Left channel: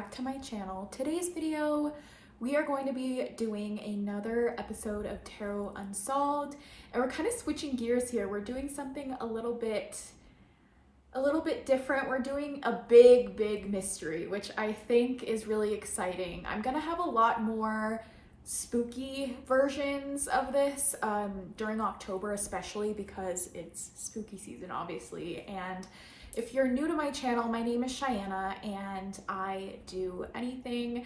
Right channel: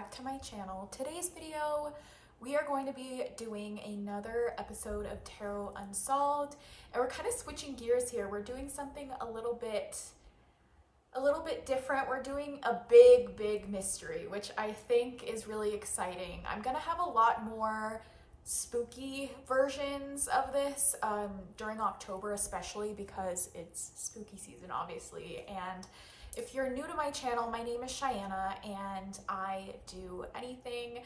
back to my channel. Today's video, we are going to be doing another episode of Tarot Unsolved, and we're kind of switching gears here. We're doing something a little bit different. We're doing a big mystery, which I think is really exciting. I'm gonna have a lot more spooky versions of this during October, especially because it's spooky season, obviously. And if you're new to my channel, my name is Cheyenne, and I do anything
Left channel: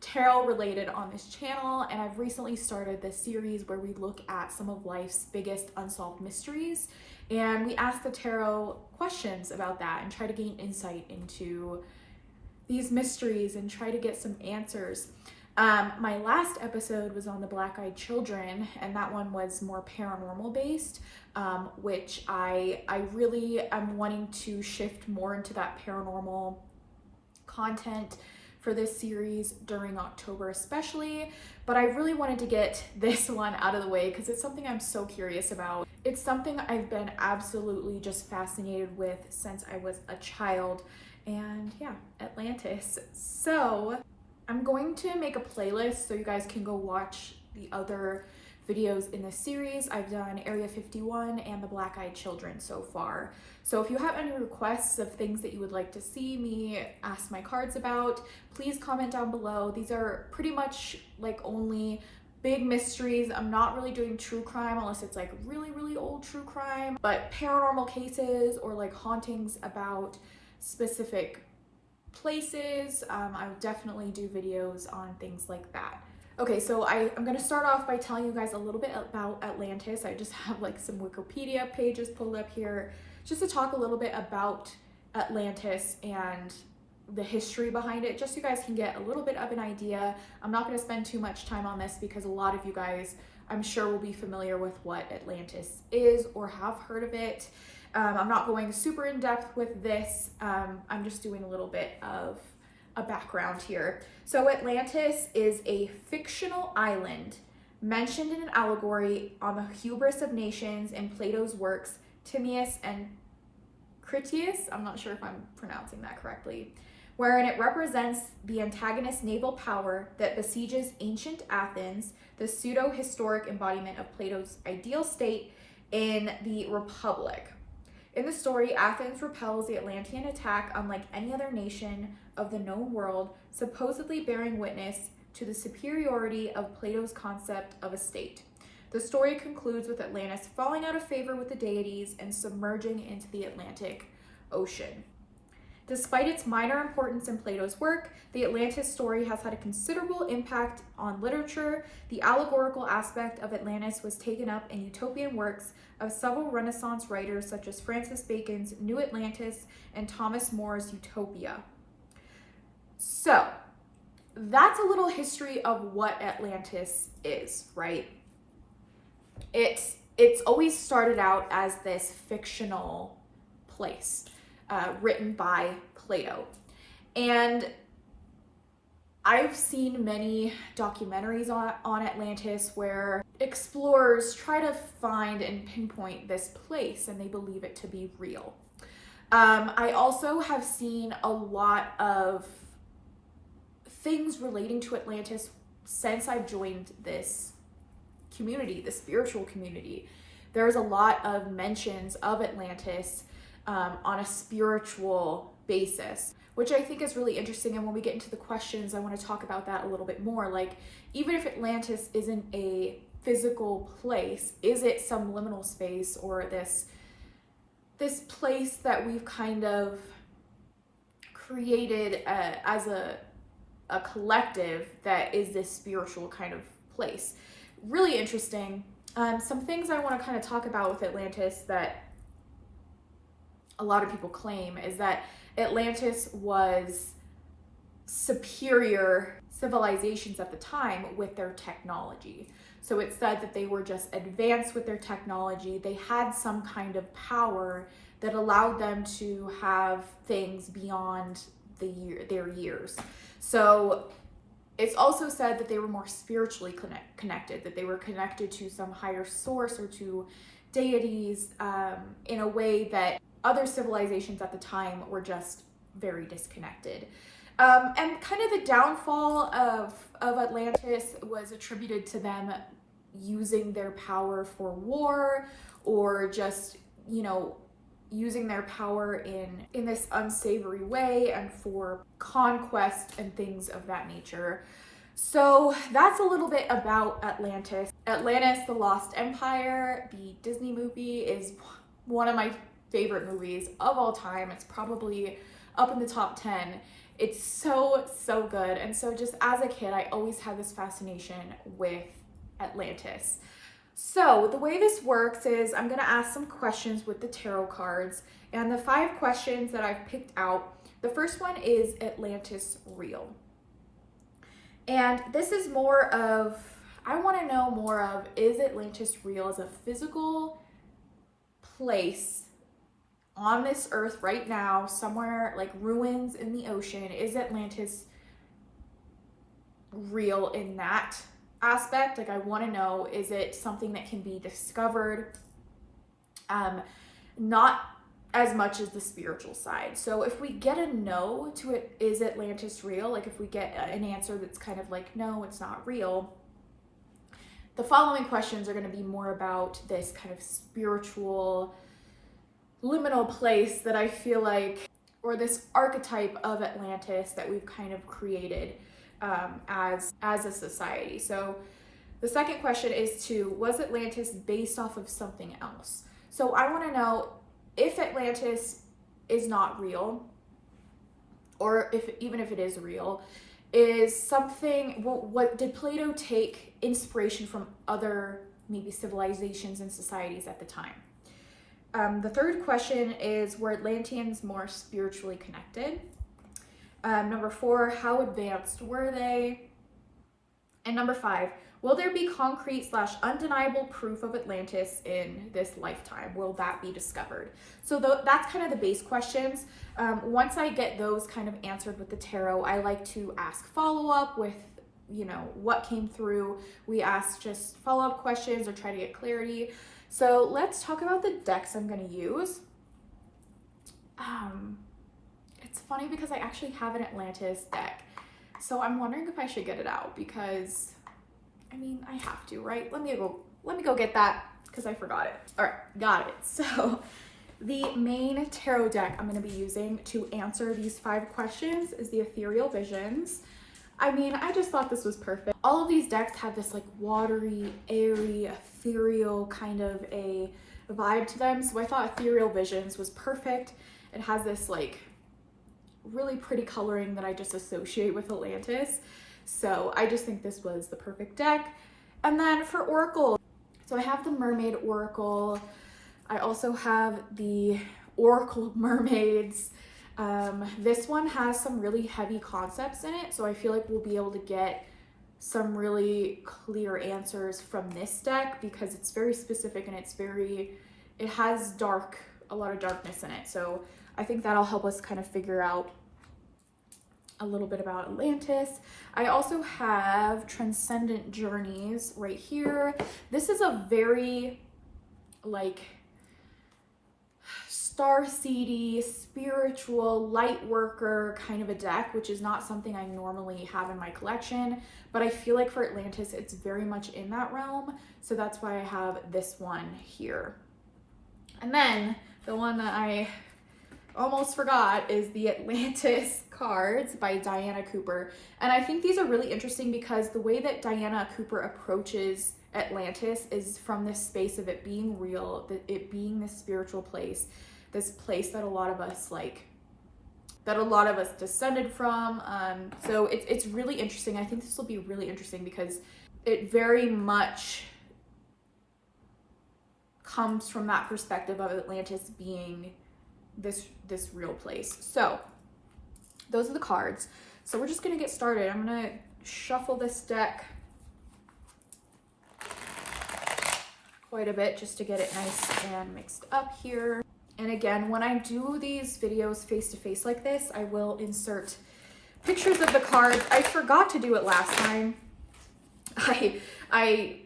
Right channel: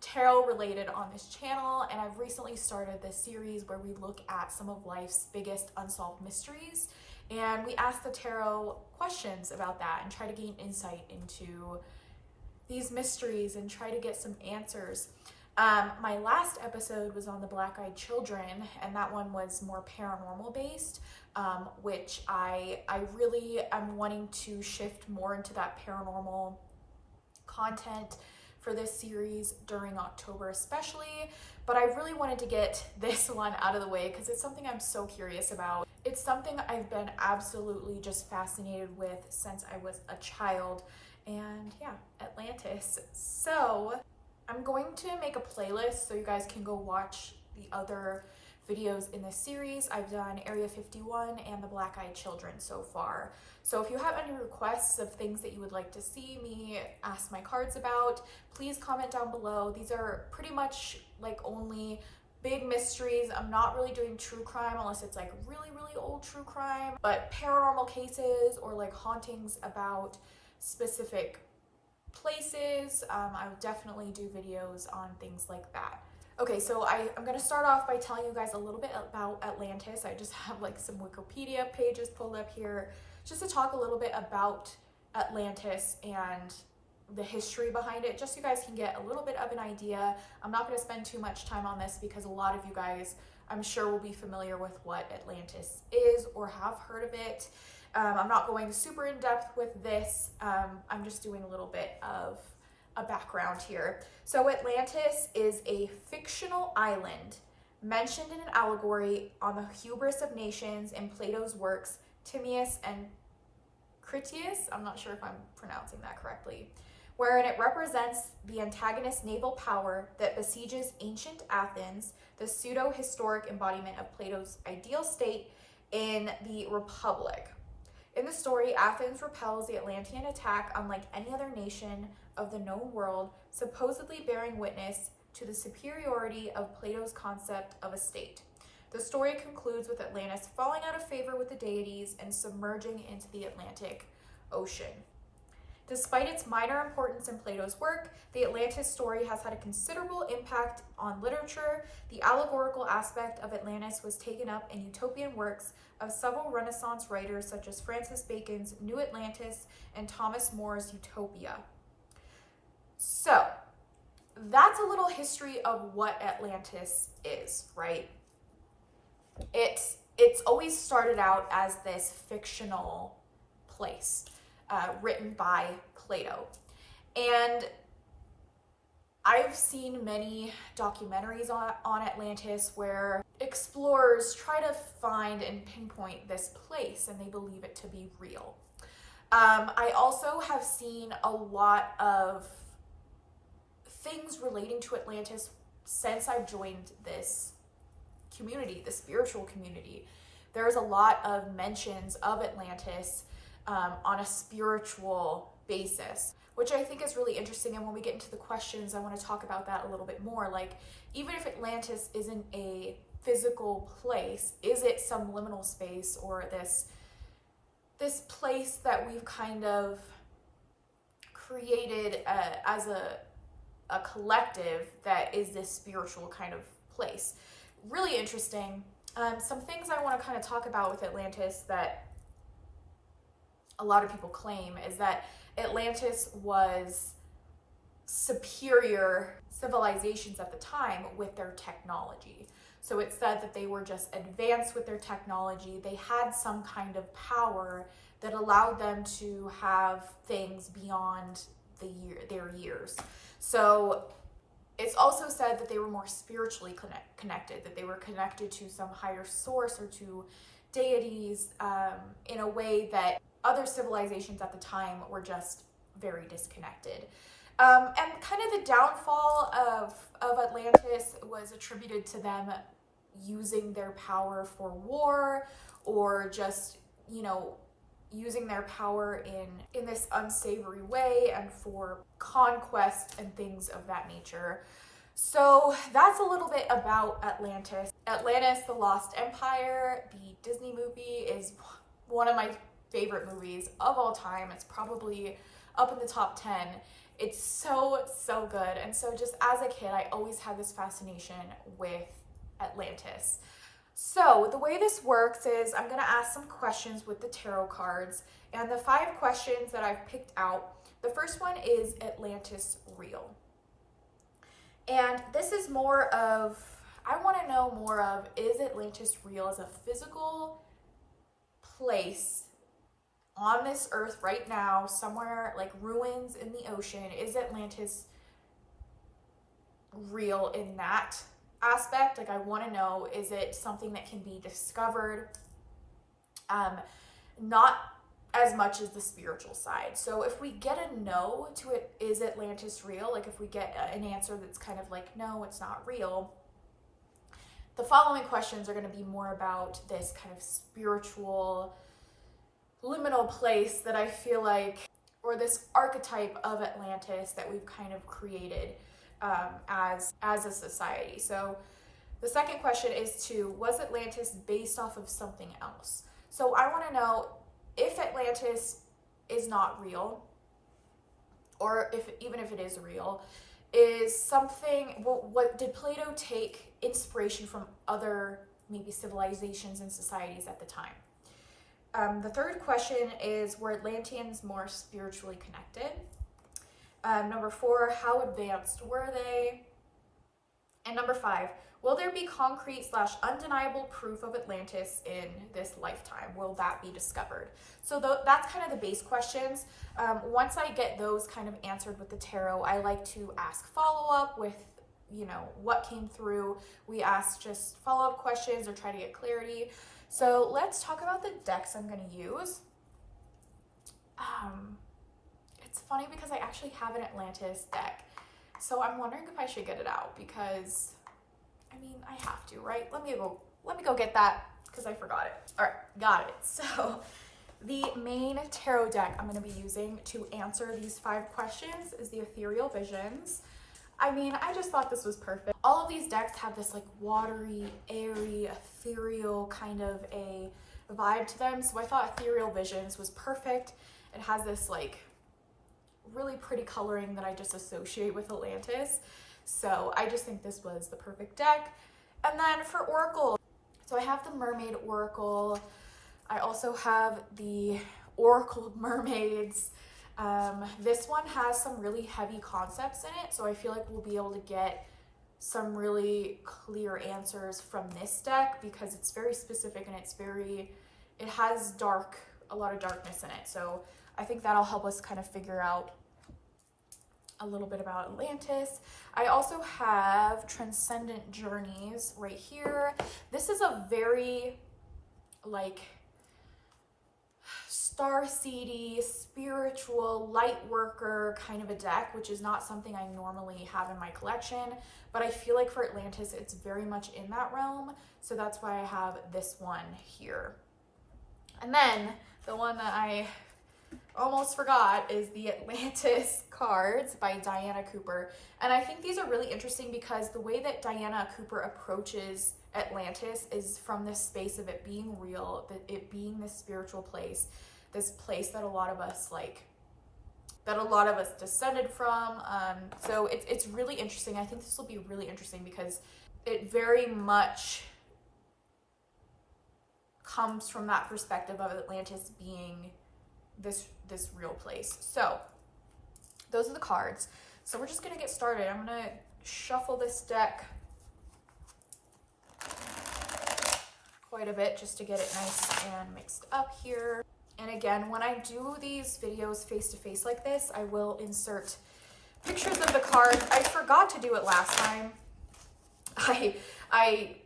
tarot related on this channel. And I've recently started this series where we look at some of life's biggest unsolved mysteries, and we ask the tarot questions about that and try to gain insight into these mysteries and try to get some answers. My last episode was on the black-eyed children, and that one was more paranormal based, which I really am wanting to shift more into that paranormal content for this series during October especially. But I really wanted to get this one out of the way because it's something I'm so curious about. It's something I've been absolutely just fascinated with since I was a child. And yeah, Atlantis. So I'm going to make a playlist so you guys can go watch the other videos in this series. I've done Area 51 and the Black-Eyed Children so far. So if you have any requests of things that you would like to see me ask my cards about, please comment down below. These are pretty much like only big mysteries. I'm not really doing true crime unless it's like really old true crime, but paranormal cases or like hauntings about specific places. I would definitely do videos on things like that. Okay, so I'm gonna start off by telling you guys a little bit about Atlantis. I just have like some Wikipedia pages pulled up here just to talk a little bit about Atlantis and the history behind it, just so you guys can get a little bit of an idea. I'm not gonna spend too much time on this because a lot of you guys, I'm sure, will be familiar with what Atlantis is or have heard of it. I'm not going super in depth with this. I'm just doing a little bit of a background here. So Atlantis is a fictional island mentioned in an allegory on the hubris of nations in Plato's works Timaeus and Critias, I'm not sure if I'm pronouncing that correctly, wherein it represents the antagonist naval power that besieges ancient Athens, the pseudo-historic embodiment of Plato's ideal state in the Republic. In the story, Athens repels the Atlantean attack unlike any other nation of the known world, supposedly bearing witness to the superiority of Plato's concept of a state. The story concludes with Atlantis falling out of favor with the deities and submerging into the Atlantic Ocean. Despite its minor importance in Plato's work, the Atlantis story has had a considerable impact on literature. The allegorical aspect of Atlantis was taken up in utopian works of several Renaissance writers such as Francis Bacon's New Atlantis and Thomas More's Utopia. So that's a little history of what Atlantis is, right? It's always started out as this fictional place written by Plato. And I've seen many documentaries on Atlantis where explorers try to find and pinpoint this place and they believe it to be real. I also have seen a lot of things relating to Atlantis since I've joined this community, the spiritual community. There's a lot of mentions of Atlantis on a spiritual basis, which I think is really interesting. And when we get into the questions, I want to talk about that a little bit more. Like, even if Atlantis isn't a physical place, is it some liminal space or this place that we've kind of created as a collective that is this spiritual kind of place? Really interesting. Some things I want to kind of talk about with Atlantis that a lot of people claim is that Atlantis was superior civilizations at the time with their technology. So it's said that they were just advanced with their technology. They had some kind of power that allowed them to have things beyond their years. So it's also said that they were more spiritually connected, that they were connected to some higher source or to deities in a way that other civilizations at the time were just very disconnected. And kind of the downfall of Atlantis was attributed to them using their power for war, or just, you know, using their power in this unsavory way and for conquest and things of that nature. So that's a little bit about Atlantis. Atlantis, the Lost Empire, the Disney movie, is one of my favorite movies of all time. It's probably up in the top 10. It's so, so good. And so just as a kid, I always had this fascination with Atlantis. So the way this works is I'm going to ask some questions with the tarot cards, and the 5 questions that I've picked out, the first one is Atlantis real? And this is more of, I want to know more of, is Atlantis real as a physical place on this earth right now, somewhere like ruins in the ocean? Is Atlantis real in that aspect? Like, I want to know, is it something that can be discovered? Not as much as the spiritual side. So if we get a no to it, is Atlantis real? Like if we get an answer that's kind of like, no, it's not real, the following questions are going to be more about this kind of spiritual liminal place that I feel like, or this archetype of Atlantis that we've kind of created as a society. So the second question is was Atlantis based off of something else? So I want to know, if Atlantis is not real, or even if it is real, is something, what did Plato take inspiration from other maybe civilizations and societies at the time? The third question is, were Atlanteans more spiritually connected? Number 4, how advanced were they? And number 5, will there be concrete / undeniable proof of Atlantis in this lifetime? Will that be discovered? So that's kind of the base questions. Once I get those kind of answered with the tarot, I like to ask follow-up with, you know, what came through. We ask just follow-up questions or try to get clarity. So let's talk about the decks I'm going to use. It's funny because I actually have an Atlantis deck. So I'm wondering if I should get it out, because I mean, I have to, right? Let me go get that, because I forgot it. All right, got it. So the main tarot deck I'm going to be using to answer these 5 questions is the Ethereal Visions. I mean, I just thought this was perfect. All of these decks have this like watery, airy, ethereal kind of a vibe to them. So I thought Ethereal Visions was perfect. It has this like really pretty coloring that I just associate with Atlantis. So I just think this was the perfect deck. And then for Oracle, so I have the Mermaid Oracle. I also have the Oracle Mermaids. This one has some really heavy concepts in it, so I feel like we'll be able to get some really clear answers from this deck, because it's very specific and it has a lot of darkness in it. So I think that'll help us kind of figure out a little bit about Atlantis. I also have Transcendent Journeys right here. This is a very like starseedy, spiritual, light worker kind of a deck, which is not something I normally have in my collection, but I feel like for Atlantis it's very much in that realm, so that's why I have this one here. And then the one that I almost forgot is the Atlantis cards by Diana Cooper. And I think these are really interesting because the way that Diana Cooper approaches Atlantis is from this space of it being real, that it being this spiritual place, this place that a lot of us descended from. So it's really interesting. I think this will be really interesting because it very much comes from that perspective of Atlantis being this real place. So those are the cards. So we're just gonna get started. I'm gonna shuffle this deck quite a bit just to get it nice and mixed up here. And again, when I do these videos face-to-face like this, I will insert pictures of the cards. I forgot to do it last time. I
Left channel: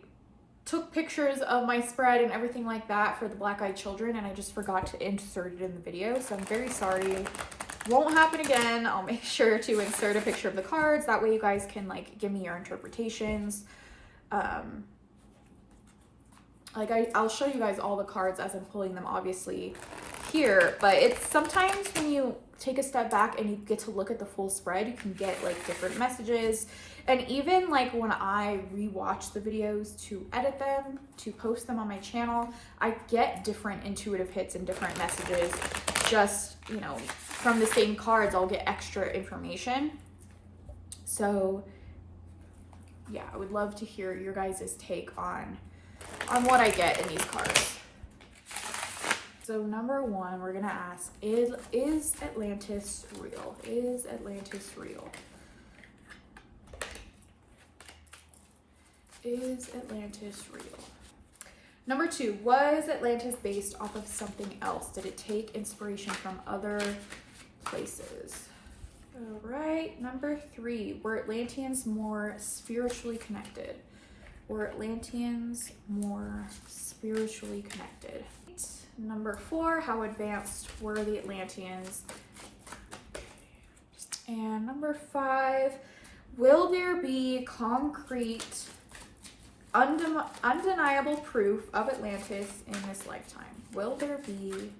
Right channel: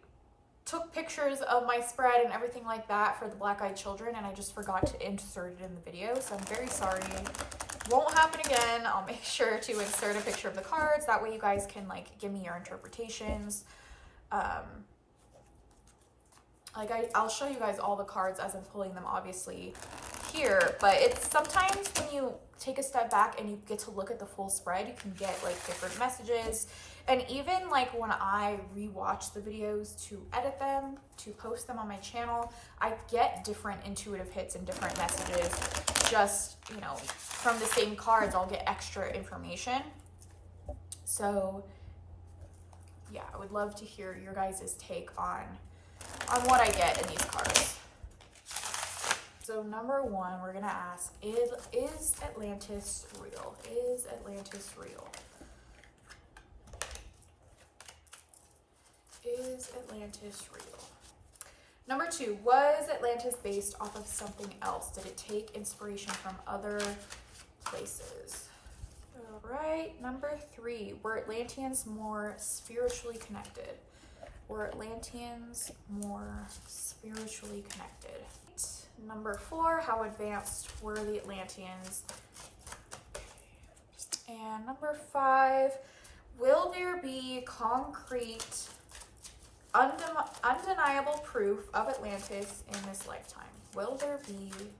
took pictures of my spread and everything like that for the Black Eyed Children, and I just forgot to insert it in the video, so I'm very sorry Won't happen again. I'll make sure to insert a picture of the cards. That way you guys can like give me your interpretations. I'll show you guys all the cards as I'm pulling them obviously here, but it's sometimes when you take a step back and you get to look at the full spread, you can get like different messages. And even like when I rewatch the videos to edit them, to post them on my channel, I get different intuitive hits and different messages. Just, you know, from the same cards, I'll get extra information. So yeah, I would love to hear your guys' take on what I get in these cards. So number one, we're gonna ask, is Atlantis real? Is Atlantis real? Is Atlantis real? Number two, was Atlantis based off of something else? Did it take inspiration from other places? All right, number three, were Atlanteans more spiritually connected? Were Atlanteans more spiritually connected? Number four, how advanced were the Atlanteans? And number five, will there be concrete, undeniable proof of Atlantis in this lifetime? Will there be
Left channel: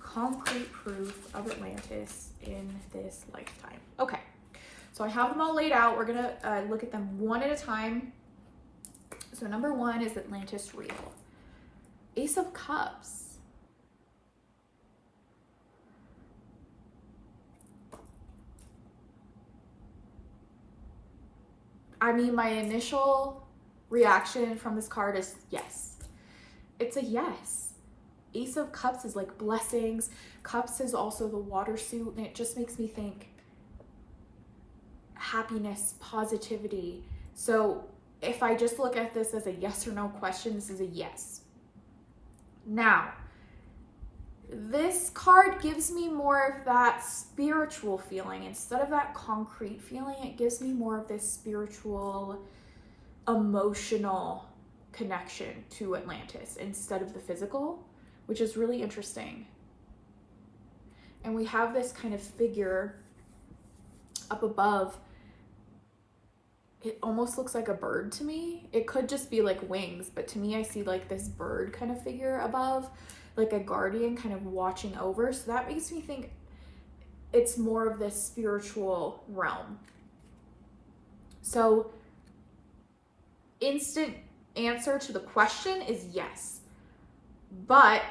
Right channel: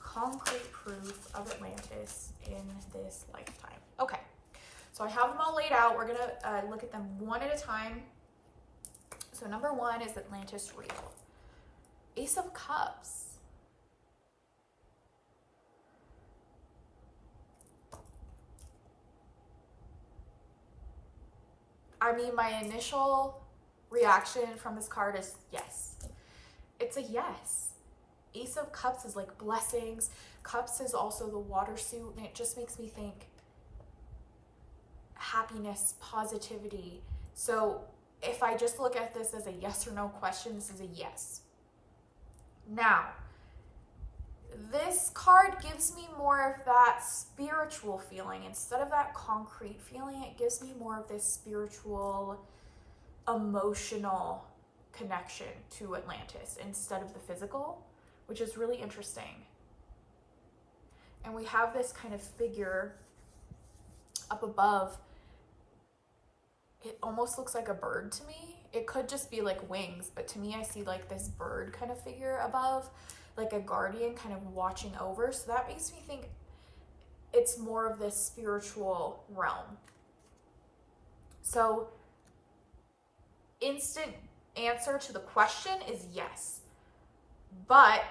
concrete proof of Atlantis in this lifetime? Okay, so I have them all laid out. We're gonna look at them one at a time. So number one, is Atlantis real? Ace of Cups. I mean, my initial reaction from this card is yes. It's a yes. Ace of Cups is like blessings. Cups is also the water suit, and it just makes me think happiness, positivity. So if I just look at this as a yes or no question, this is a yes. Now, this card gives me more of that spiritual feeling. Instead of that concrete feeling, it gives me more of this spiritual, emotional connection to Atlantis instead of the physical, which is really interesting. And we have this kind of figure up above. It almost looks like a bird to me. It could just be like wings, but to me I see like this bird kind of figure above, like a guardian kind of watching over. So that makes me think it's more of this spiritual realm. So instant answer to the question is yes, but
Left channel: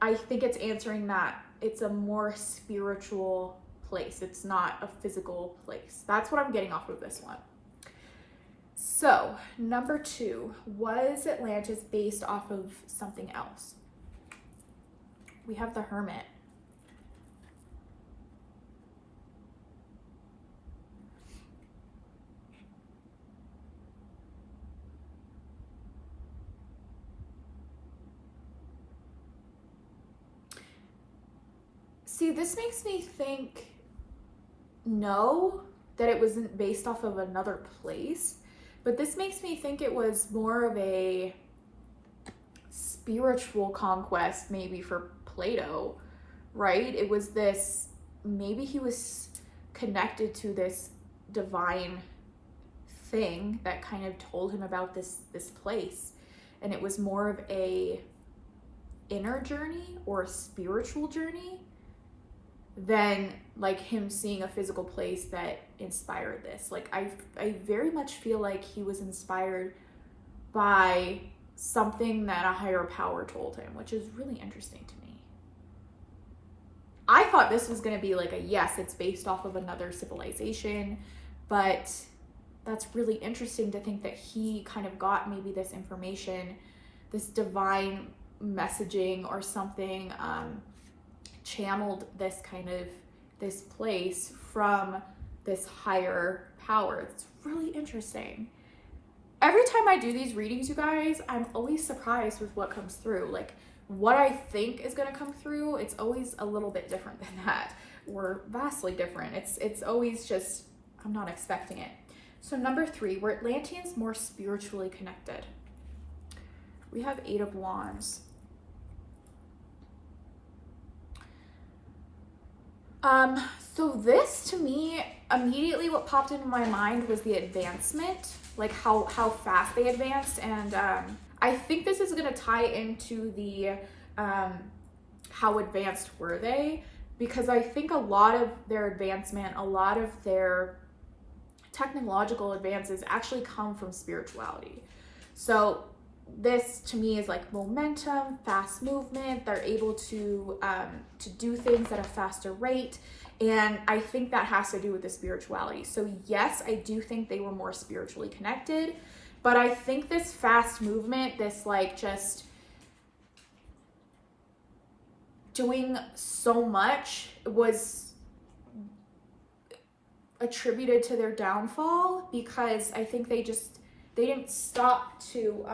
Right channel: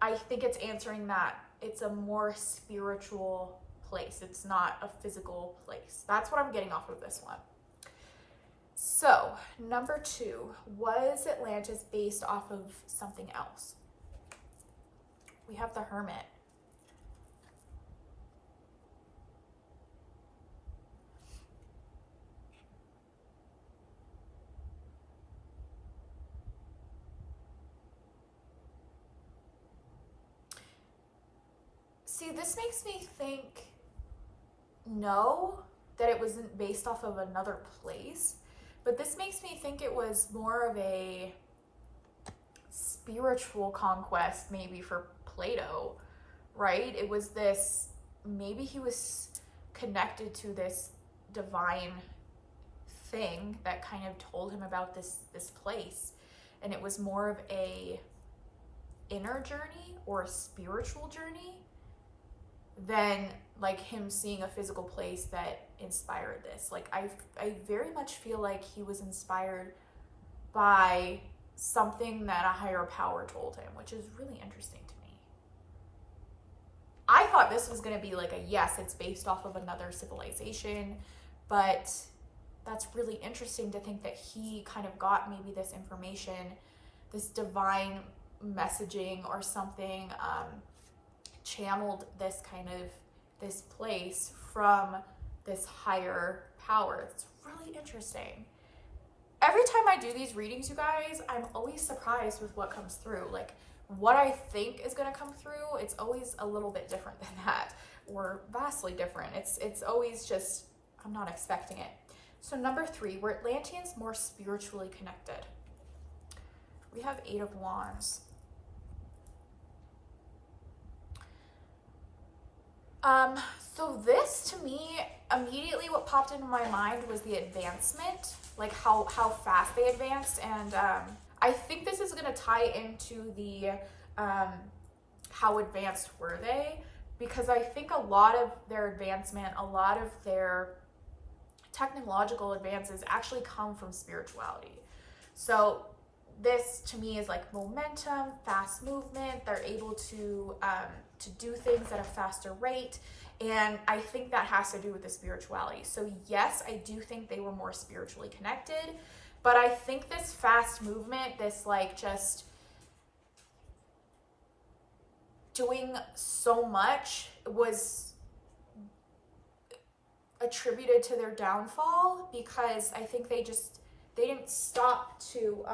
I think it's answering that it's a more spiritual place. It's not a physical place. That's what I'm getting off of this one. So number two, was Atlantis based off of something else? We have the Hermit. See, this makes me think no, that it wasn't based off of another place, but this makes me think it was more of a spiritual conquest maybe for Plato, right? It was this, maybe he was connected to this divine thing that kind of told him about this place, and it was more of a inner journey or a spiritual journey than like him seeing a physical place that inspired this. Like I very much feel like he was inspired by something that a higher power told him, which is really interesting to me. I thought this was going to be like a yes, it's based off of another civilization, but that's really interesting to think that he kind of got maybe this information, this divine messaging or something, channeled this kind of this place from this higher power. It's really interesting. Every time I do these readings, you guys, I'm always surprised with what comes through. Like what I think is going to come through, it's always a little bit different than that, or vastly different. It's always just, I'm not expecting it. So number three, were Atlanteans more spiritually connected? We have Eight of Wands. So this to me, immediately what popped into my mind was the advancement, like how fast they advanced. And I think this is gonna tie into the how advanced were they? Because I think a lot of their advancement, a lot of their technological advances actually come from spirituality. So this to me is like momentum, fast movement. They're able to do things at a faster rate. And I think that has to do with the spirituality. So yes, I do think they were more spiritually connected, but I think this fast movement, this like just doing so much, was attributed to their downfall, because I think they didn't stop to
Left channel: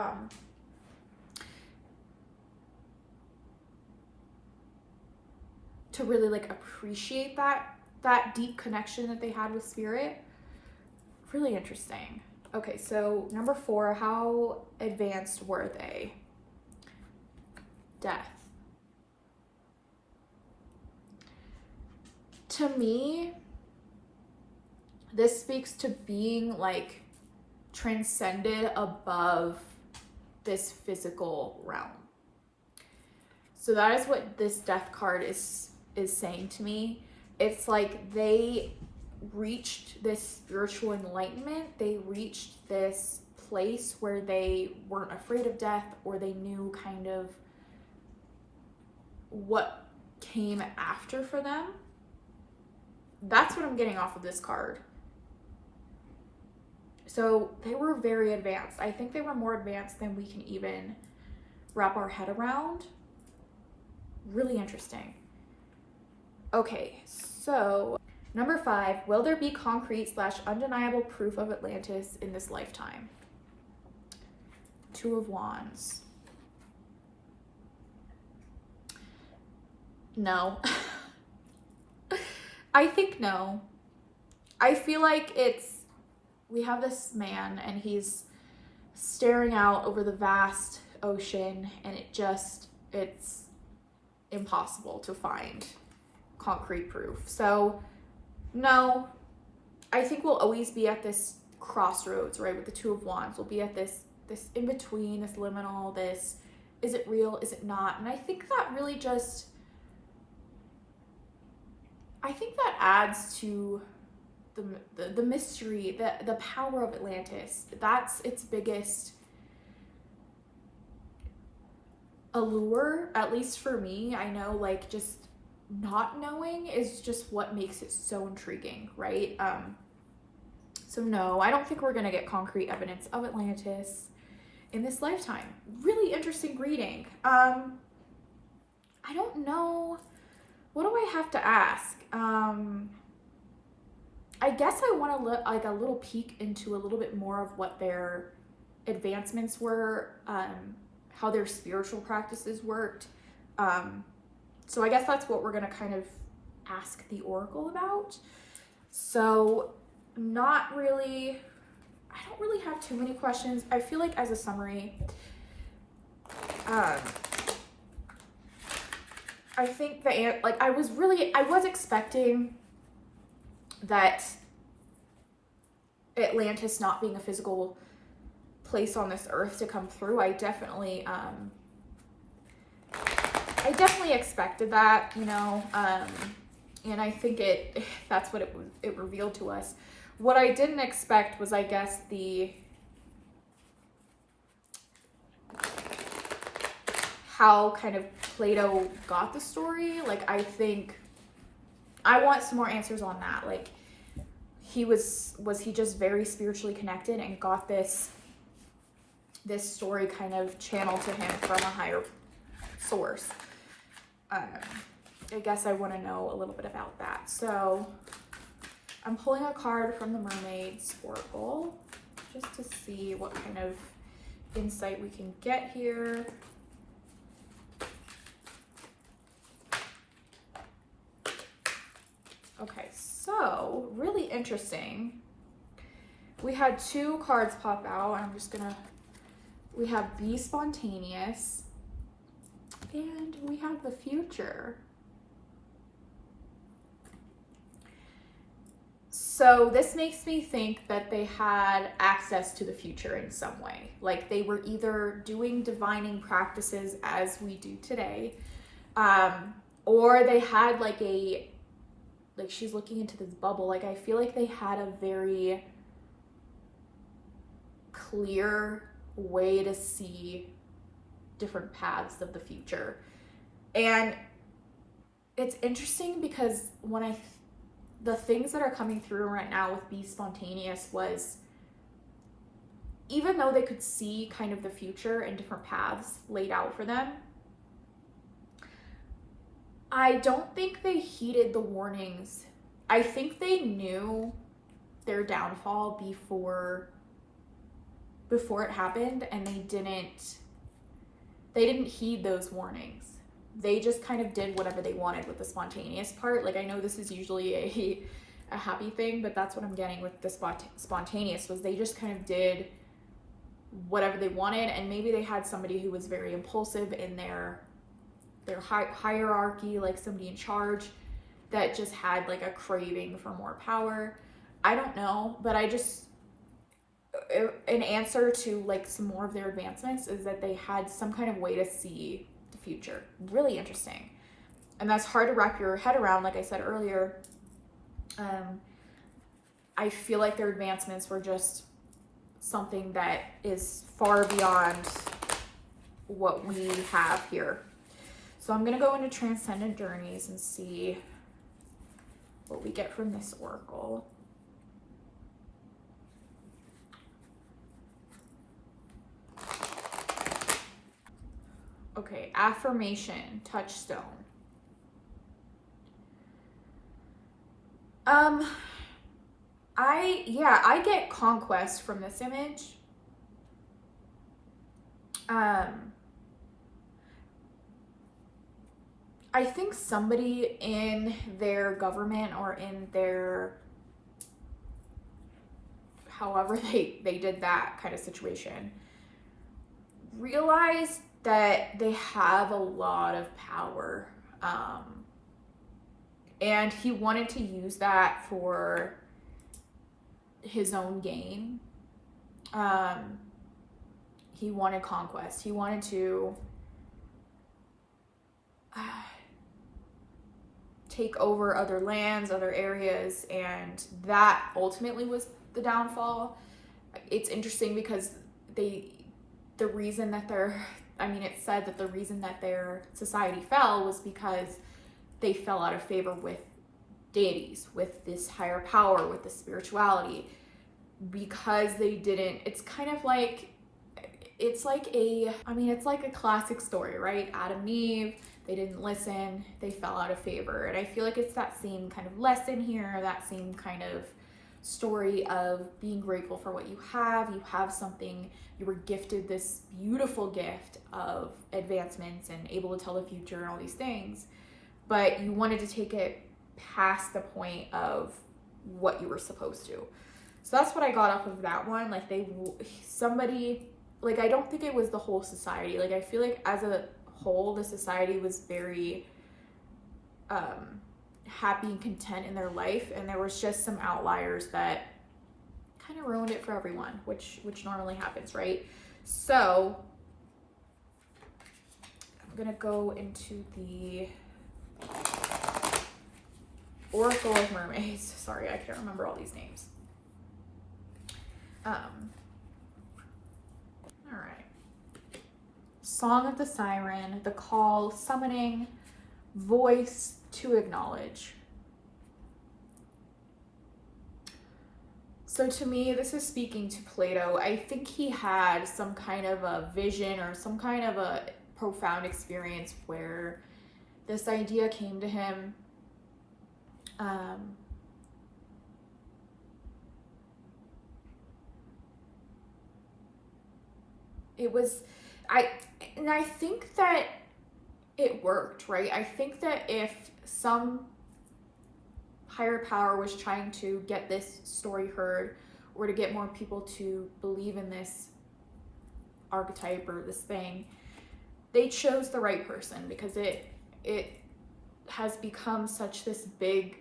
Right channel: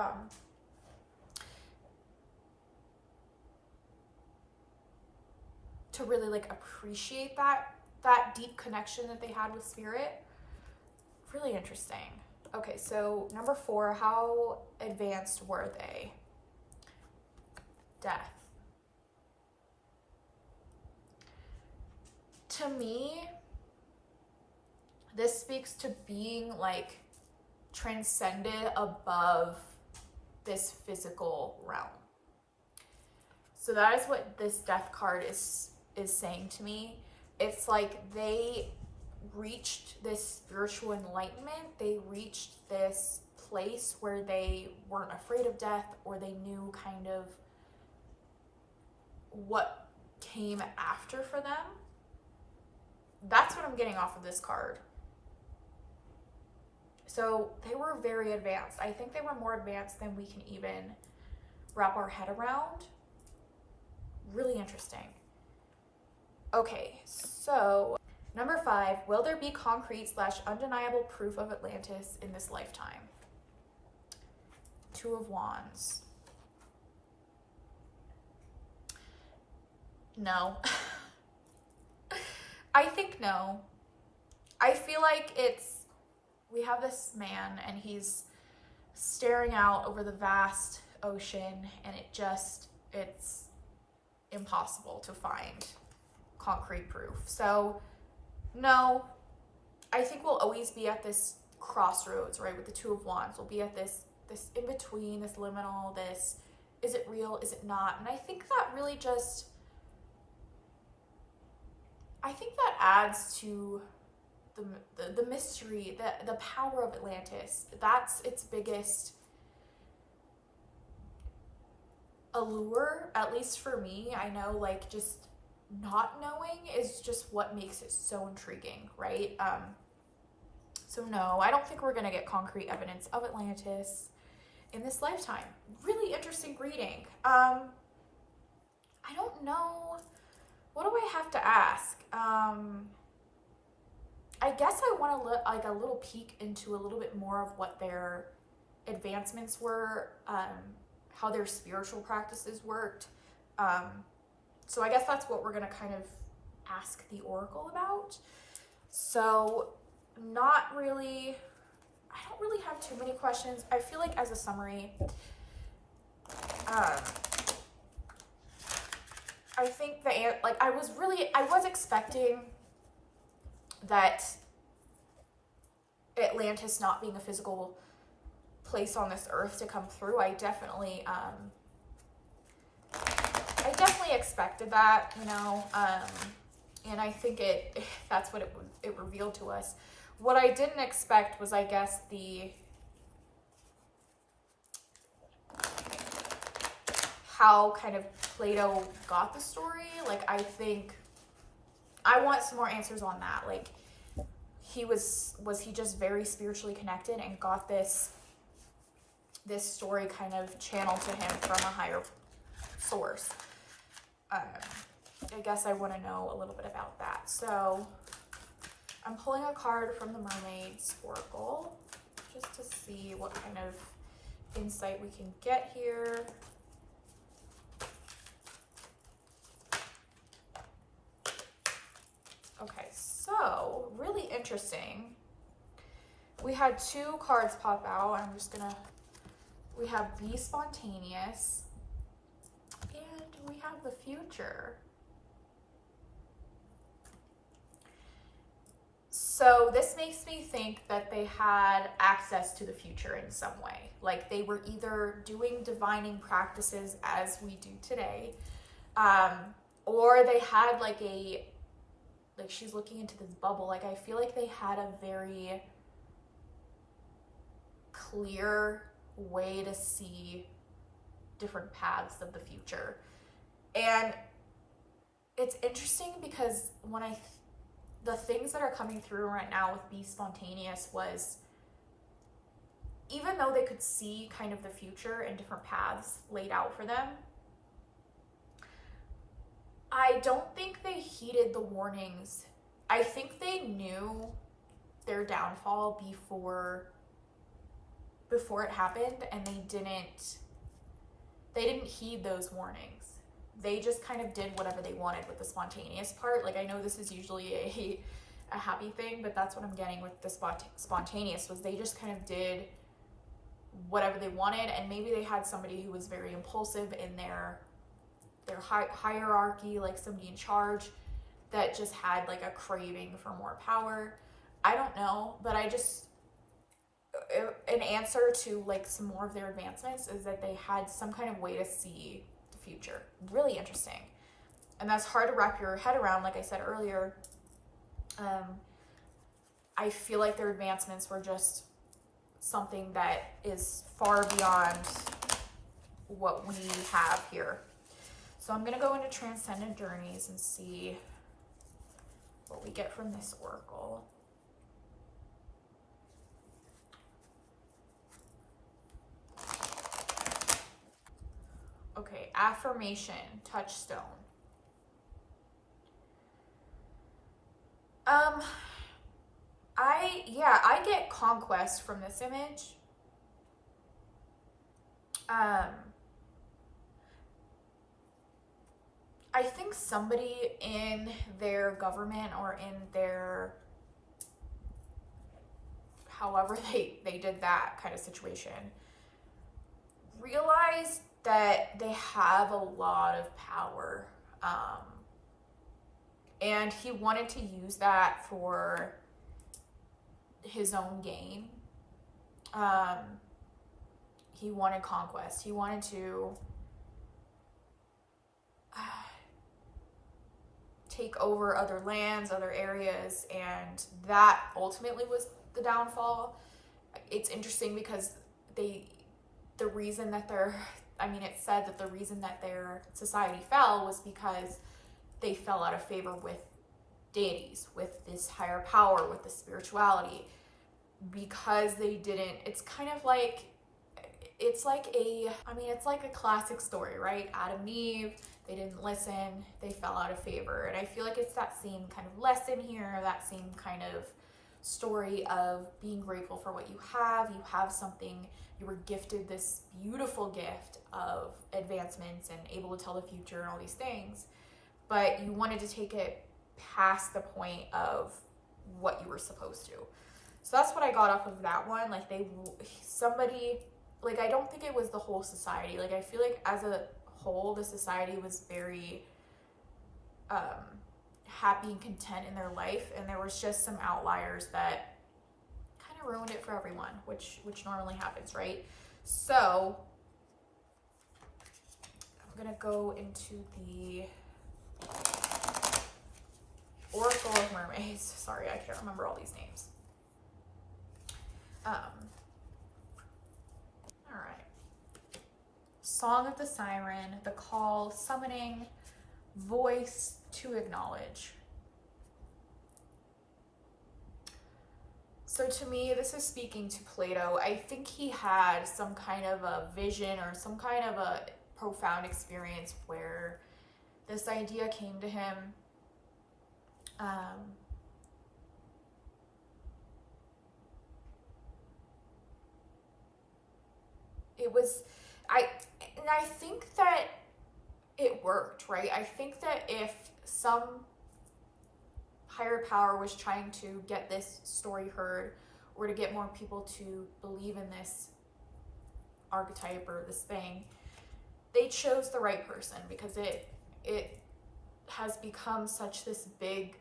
really like appreciate that deep connection that they had with spirit. Really interesting. Okay, so number 4, how advanced were they? Death. To me, this speaks to being like transcended above this physical realm. So that is what this death card is saying to me. It's like they reached this spiritual enlightenment. They reached this place where they weren't afraid of death, or they knew kind of what came after for them. That's what I'm getting off of this card. So they were very advanced. I think they were more advanced than we can even wrap our head around. Really interesting. Okay, so number 5, will there be concrete / undeniable proof of Atlantis in this lifetime? 2 of Wands. No. I think no. I feel like we have this man and he's staring out over the vast ocean, and it's impossible to find concrete proof. So no, I think we'll always be at this crossroads, right? With the 2 of Wands, we'll be at this in between, this liminal, this, is it real, is it not? And I think that really just, I think that adds to the mystery, the power of Atlantis. That's its biggest allure, at least for me. I know, like, just not knowing is just what makes it so intriguing, right? So no, I don't think we're gonna get concrete evidence of Atlantis in this lifetime. Really interesting reading. I don't know, what do I have to ask? I guess I want to look like a little peek into a little bit more of what their advancements were, how their spiritual practices worked. So I guess that's what we're going to kind of ask the oracle about. So not really, I don't really have too many questions. I feel like as a summary, I think I was expecting that Atlantis not being a physical place on this earth to come through. I definitely expected that, you know, and I think that's what it revealed to us. What I didn't expect was, I guess, how kind of Plato got the story. Like, I think I want some more answers on that. Like, was he just very spiritually connected and got this story kind of channeled to him from a higher source? I guess I want to know a little bit about that. So I'm pulling a card from the Mermaid's Oracle just to see what kind of insight we can get here. Okay, so really interesting. We had 2 cards pop out. I'm just gonna, we have Be Spontaneous and we have the Future. So this makes me think that they had access to the future in some way. Like they were either doing divining practices as we do today, or they had like she's looking into this bubble. Like I feel like they had a very clear way to see different paths of the future. And it's interesting because the things that are coming through right now with Be Spontaneous was, even though they could see kind of the future and different paths laid out for them, I don't think they heeded the warnings. I think they knew their downfall before it happened, and they didn't heed those warnings. They just kind of did whatever they wanted with the spontaneous part. Like I know this is usually a happy thing, but that's what I'm getting with the spontaneous, was they just kind of did whatever they wanted. And maybe they had somebody who was very impulsive in their hierarchy, like somebody in charge that just had like a craving for more power. I don't know, but an answer to like some more of their advancements is that they had some kind of way to see the future. Really interesting. And that's hard to wrap your head around. Like I said earlier, I feel like their advancements were just something that is far beyond what we have here. So I'm going to go into Transcendent Journeys and see what we get from this oracle. Okay, affirmation, touchstone. I get conquest from this image. I think somebody in their government or in their, however they did that kind of situation, realized that they have a lot of power. And he wanted to use that for his own gain. He wanted conquest. He wanted to take over other lands, other areas, and that ultimately was the downfall. It's interesting because it said that the reason that their society fell was because they fell out of favor with deities, with this higher power, with the spirituality, because they didn't. It's like a classic story, right? Adam and Eve, they didn't listen, they fell out of favor. And I feel like it's that same kind of lesson here, that same kind of story of being grateful for what you have. You have something, you were gifted this beautiful gift of advancements and able to tell the future and all these things, but you wanted to take it past the point of what you were supposed to. So that's what I got off of that one. Like I don't think it was the whole society. Like I feel like as a whole, the society was very happy and content in their life, and there was just some outliers that kind of ruined it for everyone, which normally happens, right? So I'm gonna go into the Oracle of Mermaids. Sorry, I can't remember all these names. All right. Song of the Siren, the call, summoning, voice to acknowledge. So to me, this is speaking to Plato. I think he had some kind of a vision or some kind of a profound experience where this idea came to him. I think that it worked, right? I think that if some higher power was trying to get this story heard, or to get more people to believe in this archetype or this thing, they chose the right person, because it has become such this big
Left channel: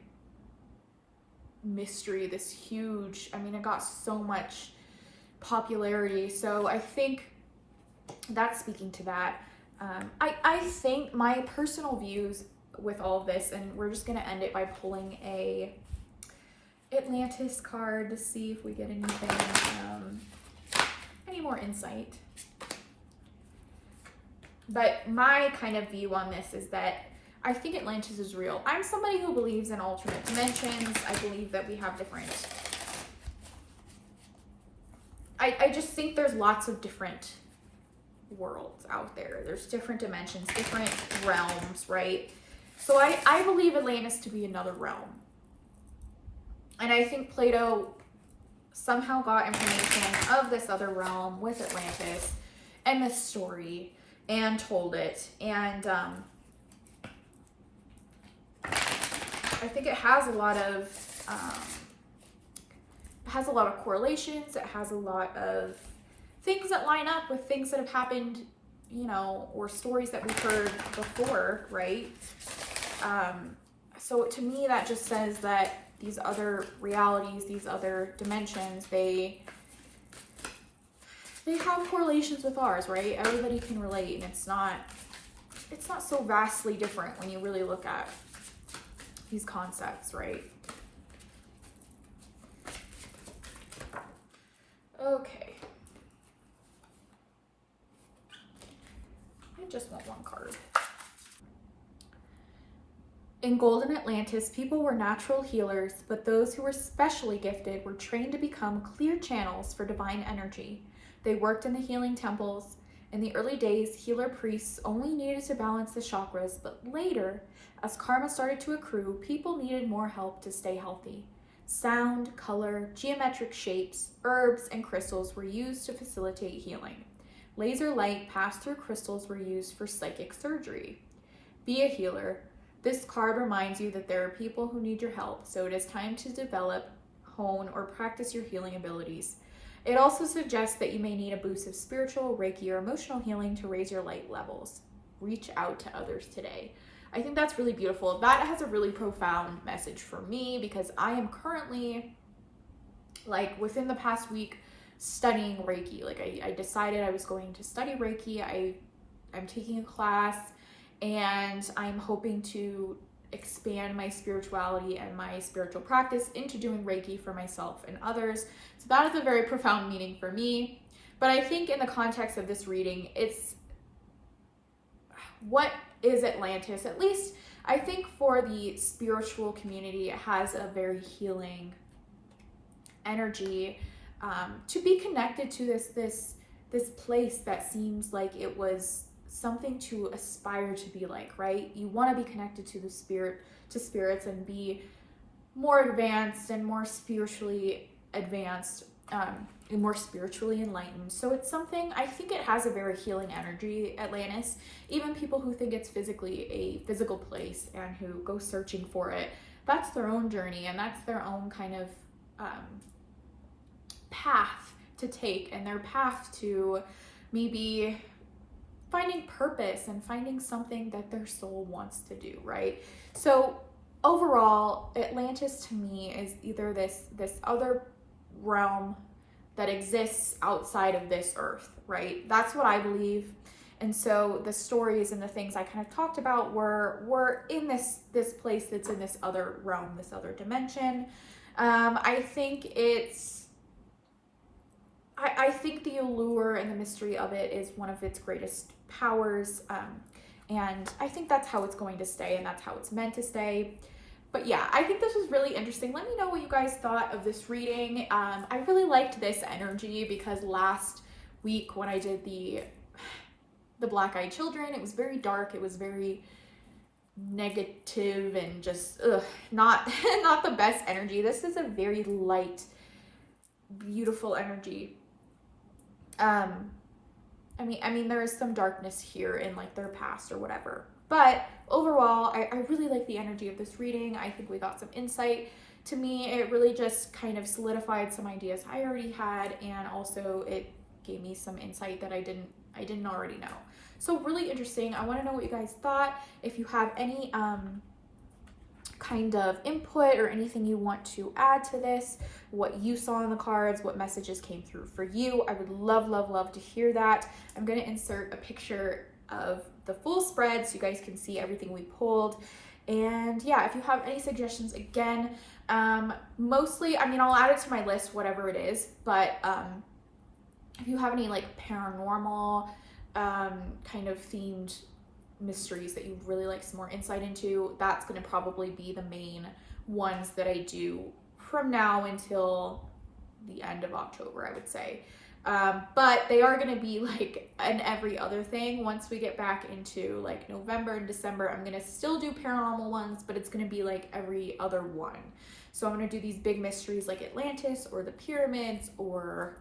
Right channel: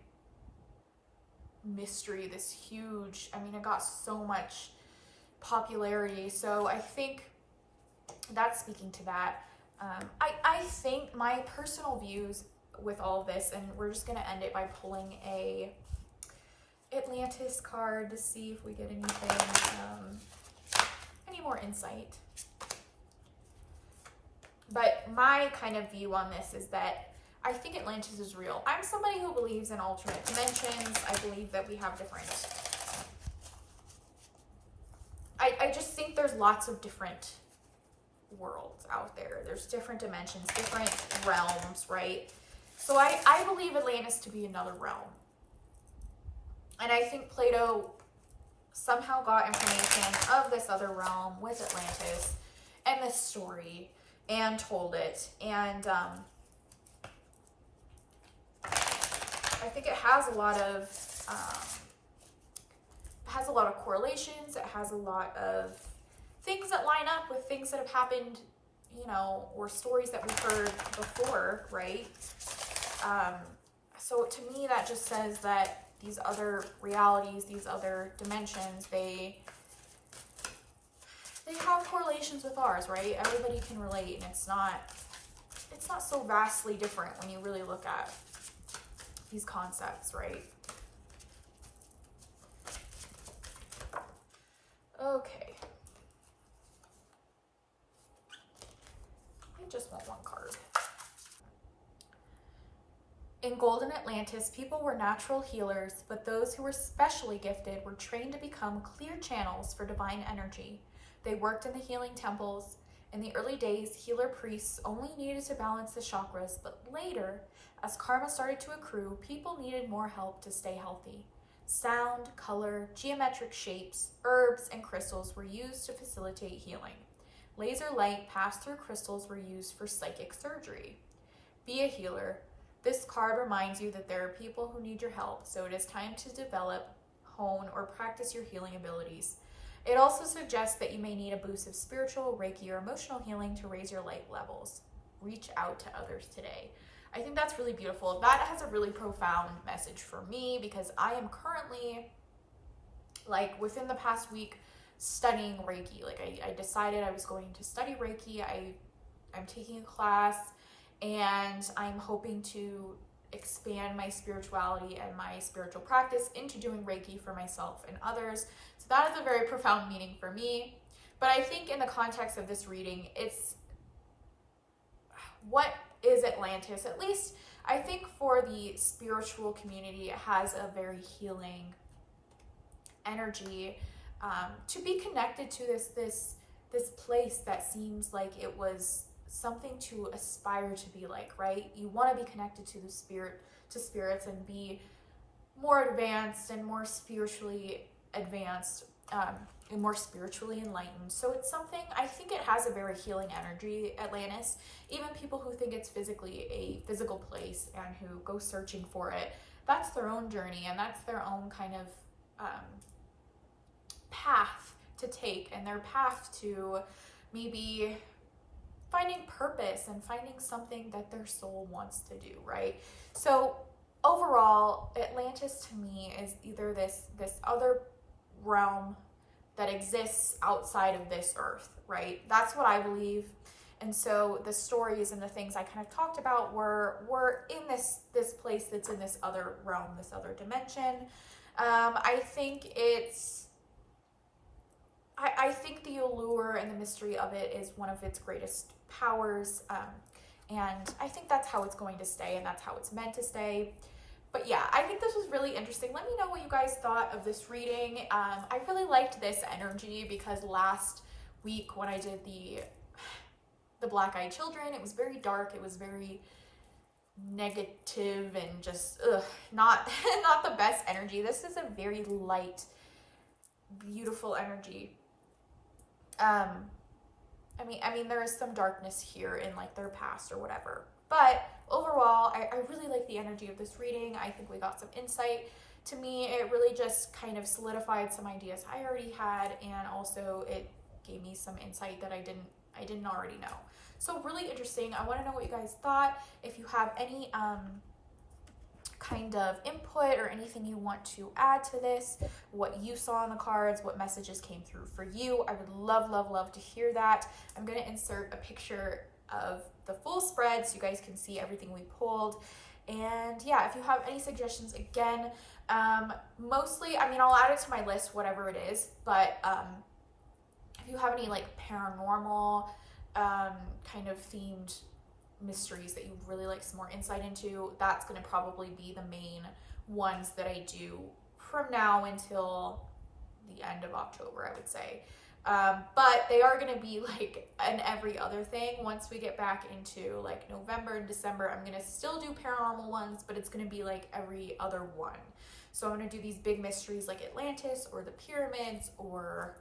mystery, this huge, I mean, it got so much popularity. So I think that's speaking to that. I think my personal views with all of this, and we're just going to end it by pulling a Atlantis card to see if we get anything, any more insight. But my kind of view on this is that I think Atlantis is real. I'm somebody who believes in alternate dimensions. I believe that we have different, I just think there's lots of different worlds out there. There's different dimensions, different realms, right? So I believe Atlantis to be another realm. And I think Plato somehow got information of this other realm with Atlantis and this story and told it. And I think it has a lot of correlations. It has a lot of things that line up with things that have happened, you know, or stories that we've heard before, right? So to me, that just says that these other realities, these other dimensions, they have correlations with ours, right? Everybody can relate, and it's not so vastly different when you really look at these concepts, right? Okay. I just want one card. In Golden Atlantis, people were natural healers, but those who were specially gifted were trained to become clear channels for divine energy. They worked in the healing temples. In the early days, healer priests only needed to balance the chakras, but later, as karma started to accrue, people needed more help to stay healthy. Sound, color, geometric shapes, herbs, and crystals were used to facilitate healing. Laser light passed through crystals were used for psychic surgery. Be a healer. This card reminds you that there are people who need your help, so it is time to develop, hone, or practice your healing abilities. It also suggests that you may need a boost of spiritual, Reiki, or emotional healing to raise your light levels. Reach out to others today. I think that's really beautiful. That has a really profound message for me because I am currently, like, within the past week, studying Reiki. Like, I decided I was going to study Reiki. I'm taking a class, and I'm hoping to expand my spirituality and my spiritual practice into doing Reiki for myself and others. So that is a very profound meaning for me. But I think in the context of this reading, it's what is Atlantis? At least I think for the spiritual community, it has a very healing energy to be connected to this place that seems like it was something to aspire to be like, right? You want to be connected to spirits and be more advanced and more spiritually advanced and more spiritually enlightened. So it's something, I think it has a very healing energy, Atlantis. Even people who think it's physically a physical place and who go searching for it, that's their own journey and that's their own kind of path to take, and their path to maybe finding purpose and finding something that their soul wants to do, right? So overall, Atlantis to me is either this other realm that exists outside of this earth, right? That's what I believe. And so the stories and the things I kind of talked about were in this place that's in this other realm, this other dimension. I think I think the allure and the mystery of it is one of its greatest powers. And I think that's how it's going to stay, and that's how it's meant to stay. But yeah, I think this was really interesting. Let me know what you guys thought of this reading. I really liked this energy because last week when I did the Black-Eyed Children, it was very dark. It was very negative and just not the best energy. This is a very light, beautiful energy. I mean, there is some darkness here in like their past or whatever, but overall, I really like the energy of this reading. I think we got some insight. To me, it really just kind of solidified some ideas I already had, and also it gave me some insight that I didn't already know. So really interesting. I want to know what you guys thought. If you have any kind of input or anything you want to add to this, what you saw in the cards, what messages came through for you. I would love, love, love to hear that. I'm going to insert a picture of the full spread so you guys can see everything we pulled. And yeah, if you have any suggestions, again, mostly, I mean, I'll add it to my list, whatever it is, but if you have any like paranormal kind of themed mysteries that you'd really like some more insight into, that's going to probably be the main ones that I do from now until the end of October, I would say. But they are going to be like an every other thing. Once we get back into like November and December, I'm going to still do paranormal ones, but it's going to be like every other one. So I'm going to do these big mysteries like Atlantis or the pyramids or,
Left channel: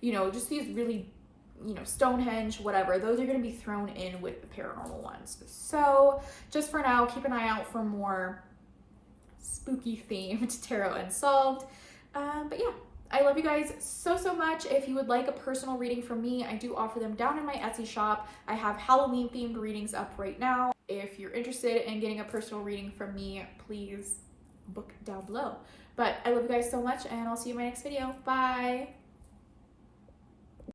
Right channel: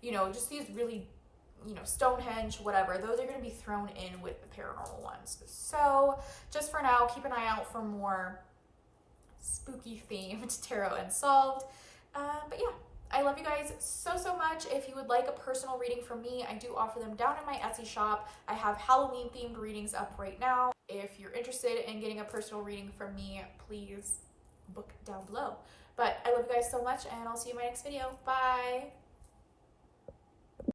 you know, just these really, you know, Stonehenge, whatever. Those are going to be thrown in with the paranormal ones. So just for now, keep an eye out for more spooky themed tarot Unsolved. But yeah, I love you guys so, so much. If you would like a personal reading from me, I do offer them down in my Etsy shop. I have Halloween themed readings up right now. If you're interested in getting a personal reading from me, please book down below. But I love you guys so much, and I'll see you in my next video. Bye.